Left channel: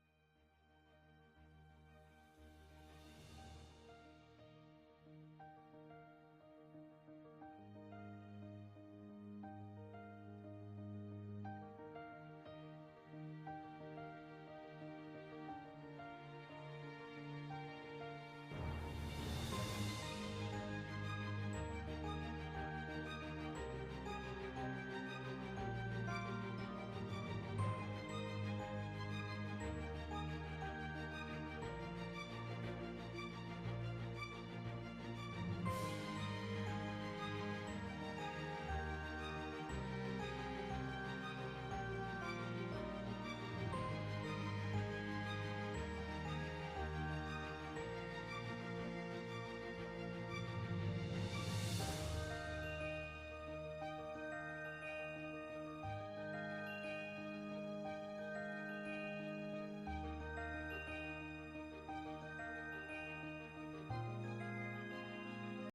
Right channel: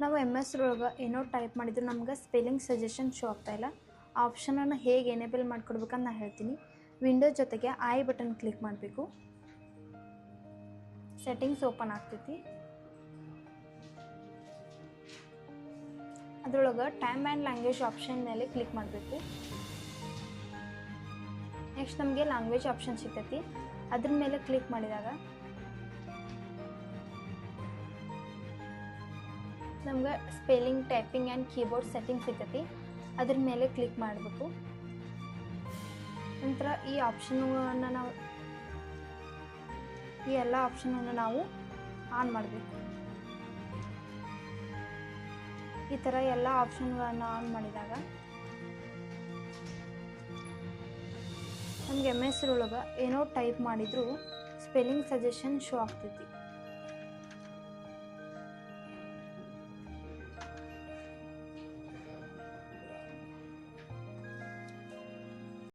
ನಾವು MS ಒಳಗೆ ಏನೋ ಟೈಪ್ ಮಾಡಿದ್ರು ನಮ್ಗೆ ಸ್ಪೆಲ್ಲಿಂಗ್ ಸಜೆಷನ್ ಶೋ ಆಗ್ತಾಯಿಲ್ಲ. ಆ ಆಪ್ಷನನ್ನು ಹೇಗೆ ಎನೇಬಲ್ ಮಾಡ್ಕೊಡ್ಬೇಕಂತ ನಾನು ಹೇಳ್ತೀನಿ. ವಿಂಡೋ ಜೊತೆಗೆ ಐ ಬಟನ್ ಕ್ಲಿಕ್ ಮಾಡಬೇಕು. ಸೆಟ್ಟಿಂಗ್ಸ್ ಓಪನ್ ಆಗ್ತೈತಿ. ಅದರೊಳಗೆ ಟೈಮ್ ಆ್ಯಂಡ್ ಲ್ಯಾಂಗ್ವೇಜ್ ಆಪ್ಷನ್ ಮೇಲೆ ಕ್ಲಿಕ್ ಮಾಡಬೇಕು. ನೆಕ್ಸ್ಟ್ ನಮಗೆ ಲ್ಯಾಂಗ್ವೇಜ್ ಆಪ್ಷನ್ ಸಿಗ್ತೈತಿ. ಅದ್ರ ಮೇಲೆ ಕ್ಲಿಕ್ ಮಾಡಿದಾಗ ನಮ್ಗೆ spelling, typing and keyboard setting ಸಿಗ್ತೈತಿ. ಅದ್ರ ಮೇಲೆ ಕ್ಲಿಕ್ ಮಾಡಬೇಕು. ನಂತರ ಈ ಎಲ್ಲ ಆಪ್ಷನನ್ನು ನಾವು ಆನ್ ಮಾಡಬೇಕು. ಈ ಥರ ಎಲ್ಲ ಆಪ್ಷನ್ಗಳನ್ನು ಆನ್ ಮಾಡಿದಾಗ ನಮ್ಗೆ MS ಒಳಗೆ ಏನೋ ಟೈಪ್ ಮಾಡಿದರೂ ಸ್ಪೆಲ್ಲಿಂಗ್ ಸಜೆಷನ್ ಶೋ ಆಗ್ತೈತಿ.